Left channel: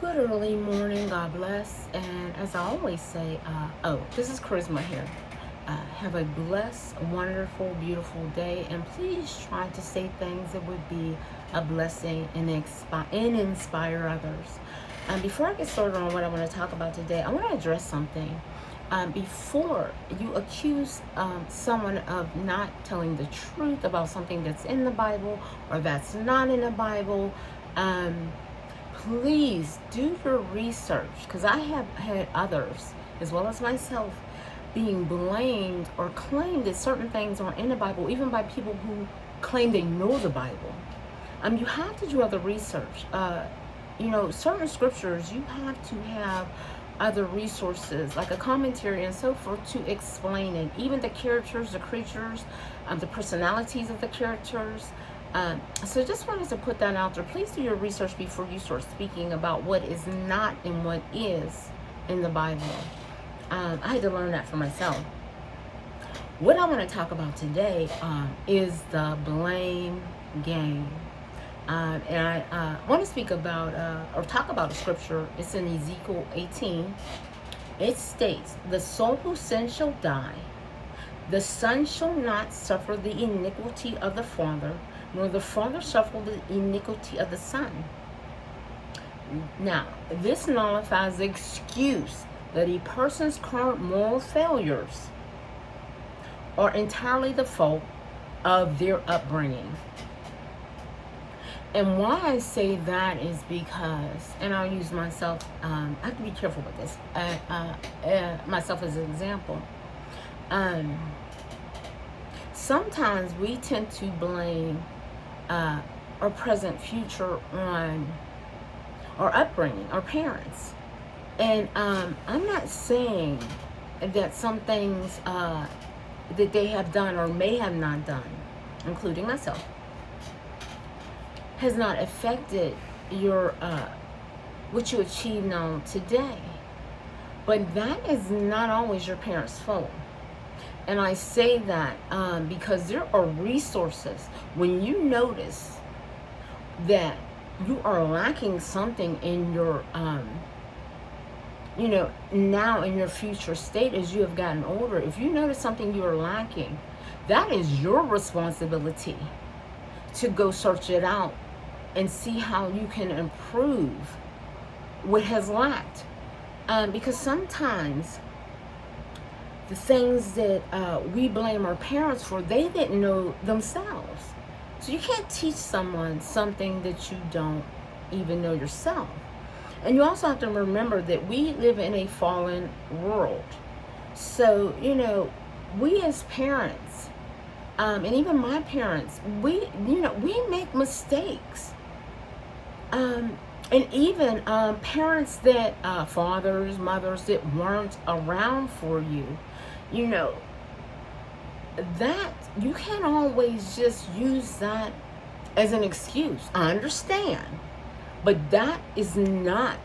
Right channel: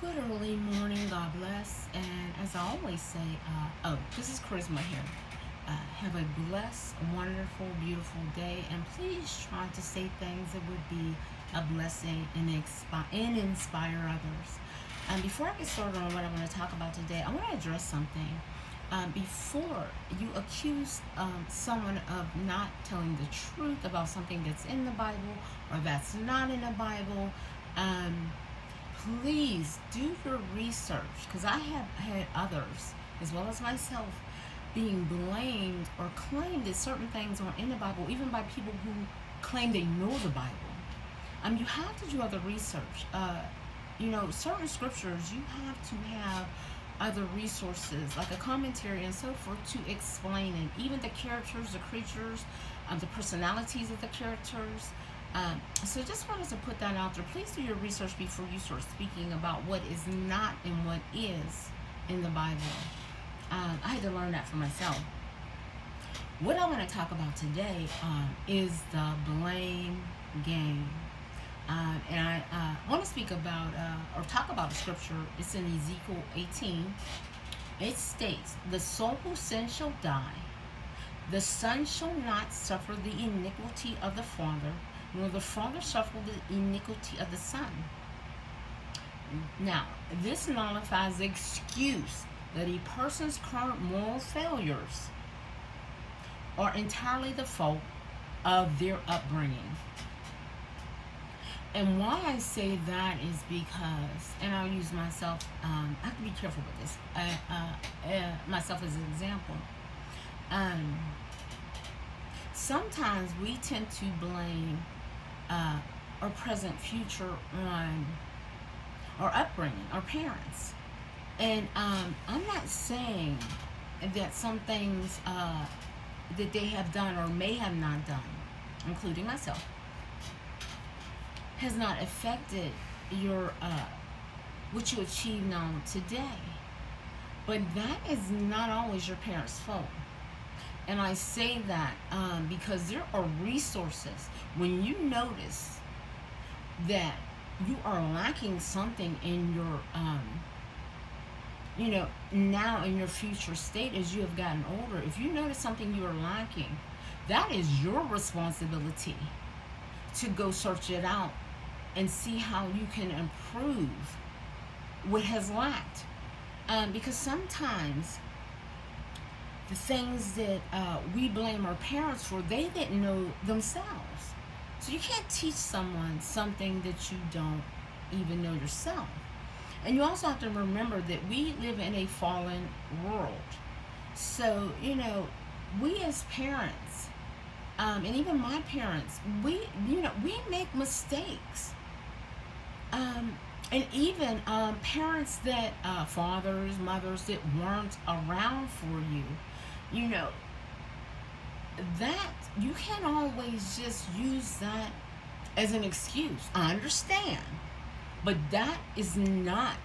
Good early morning, God bless. And as I always say, this is Charisma here. Have a blessed, wonderful, beautiful day. And please try to say things that would be a blessing and inspire others. Before I get started on what I want to talk about today, I want to address something. Before you accuse someone of not telling the truth about something that's in the Bible or that's not in the Bible, please do your research, because I have had others, as well as myself, being blamed or claimed that certain things aren't in the Bible, even by people who claim they know the Bible. You have to do other research. Certain scriptures, you have to have other resources, like a commentary and so forth, to explain it. Even the characters, the creatures, the personalities of the characters. So just wanted to put that out there. Please do your research before you start speaking about what is not and what is in the Bible. I had to learn that for myself. What I want to talk about today is the blame game. And I want to speak about, or talk about a scripture. It's in Ezekiel 18. It states, "The soul who sins shall die. The son shall not suffer the iniquity of the father, nor the father suffer the iniquity of the son." Now, this nullifies the excuse that a person's current moral failures are entirely the fault of their upbringing. And why I say that is because, and I'll use myself, I have to be careful with this, myself as an example. Sometimes we tend to blame our present future on our upbringing, our parents. And I'm not saying that some things that they have done or may have not done, including myself, has not affected your what you achieve now today. But that is not always your parents' fault. And I say that because there are resources. When you notice that you are lacking something in your, now in your future state as you have gotten older, if you notice something you are lacking, that is your responsibility to go search it out and see how you can improve what has lacked. Because sometimes the things that we blame our parents for, they didn't know themselves. So you can't teach someone something that you don't even know yourself. And you also have to remember that we live in a fallen world. So, we as parents, and even my parents, we make mistakes. And even parents that, fathers, mothers that weren't around for you, that you can't always just use that as an excuse. I understand, but that is not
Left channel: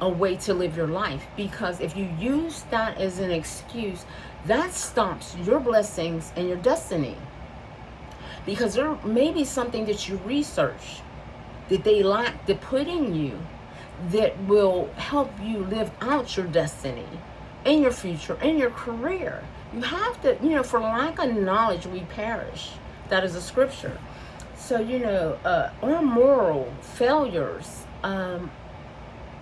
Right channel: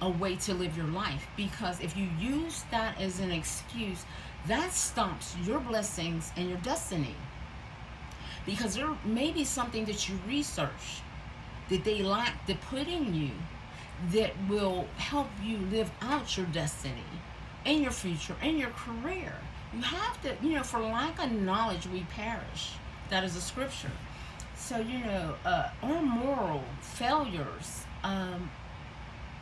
a way to live your life, because if you use that as an excuse, that stops your blessings and your destiny. Because there may be something that you research that they lack to put in you that will help you live out your destiny in your future, in your career. You have to, for lack of knowledge, we perish. That is a scripture. So, our moral failures,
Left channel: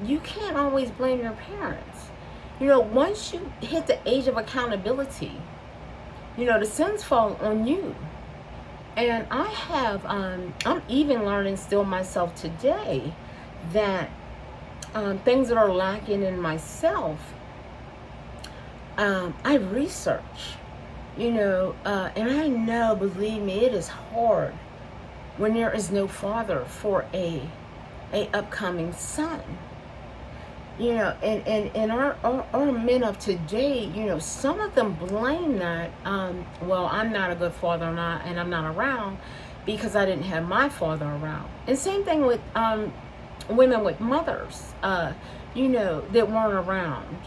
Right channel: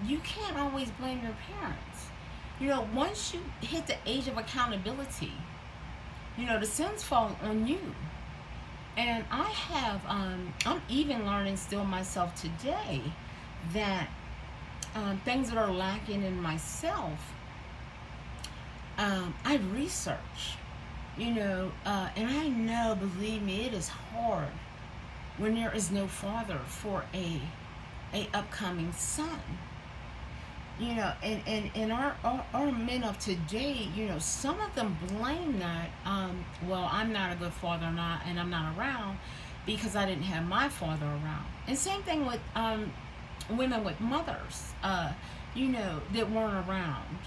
you can't always blame your parents. Once you hit the age of accountability, the sins fall on you. And I have, I'm even learning still myself today that things that are lacking in myself, I research, and I know, believe me, it is hard when there is no father for a upcoming son. And our men of today, some of them blame that, well, I'm not a good father and I'm not around because I didn't have my father around. And same thing with women with mothers, that weren't around.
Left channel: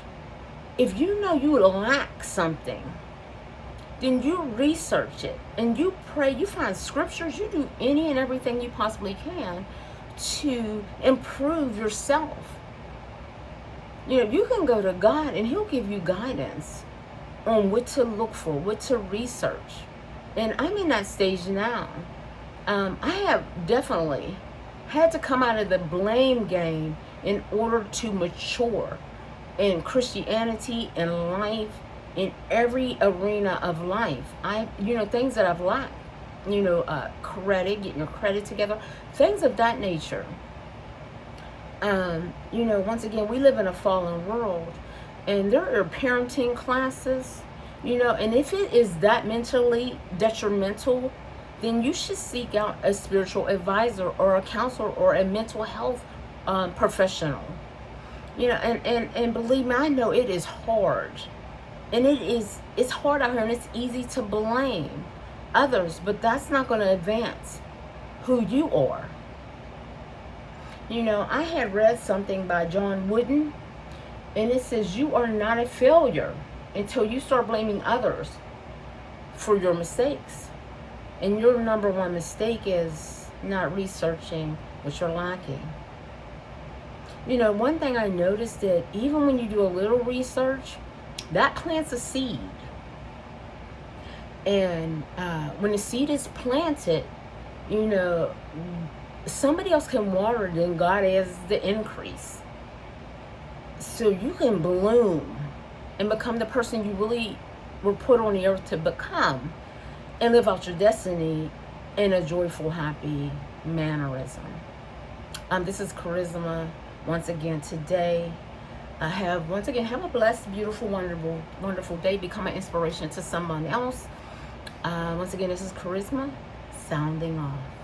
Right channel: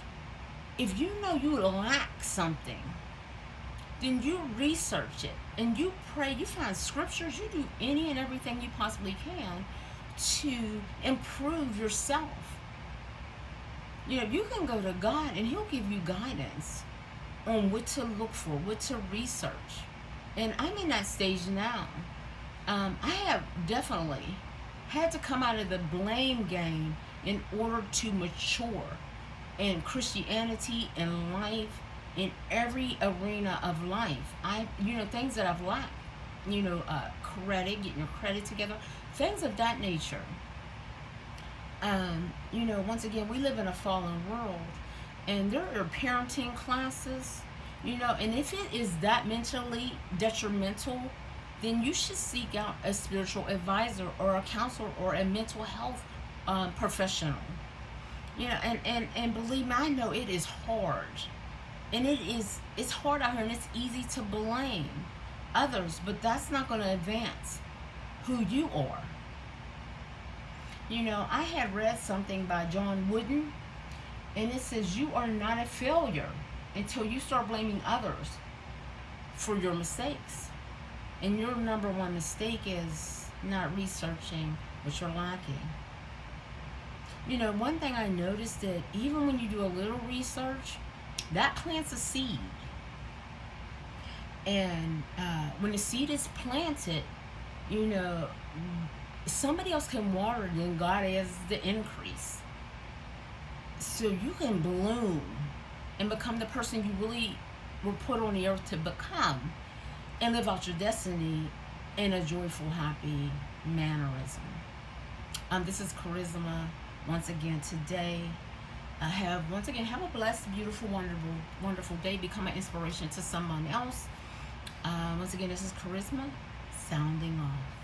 If you know you lack something, then you research it and you pray, you find scriptures, you do any and everything you possibly can to improve yourself. You know, you can go to God and He'll give you guidance on what to look for, what to research. And I'm in that stage now. I have definitely had to come out of the blame game in order to mature in Christianity and life, in every arena of life. Things that I've lacked, credit, getting your credit together, things of that nature. Once again, we live in a fallen world, and there are parenting classes, and if it is that mentally detrimental, then you should seek out a spiritual advisor or a counselor or a mental health professional. And believe me, I know it is hard, and it's hard out here, and it's easy to blame others, but that's not going to advance who you are. I had read something by John Wooden, and it says you are not a failure until you start blaming others for your mistakes. And your number one mistake is not researching what you're lacking. One thing I noticed that even when you do a little research, that plants a seed. And when the seed is planted, somebody else can water it, and God has the increase. So you can bloom and become the person you really were put on the earth to become, and live out your destiny in a joyful, happy mannerism. This is Charisma once again today. Have a blessed, beautiful, wonderful day. Become an inspiration to someone else. Once again, this is Charisma sounding off.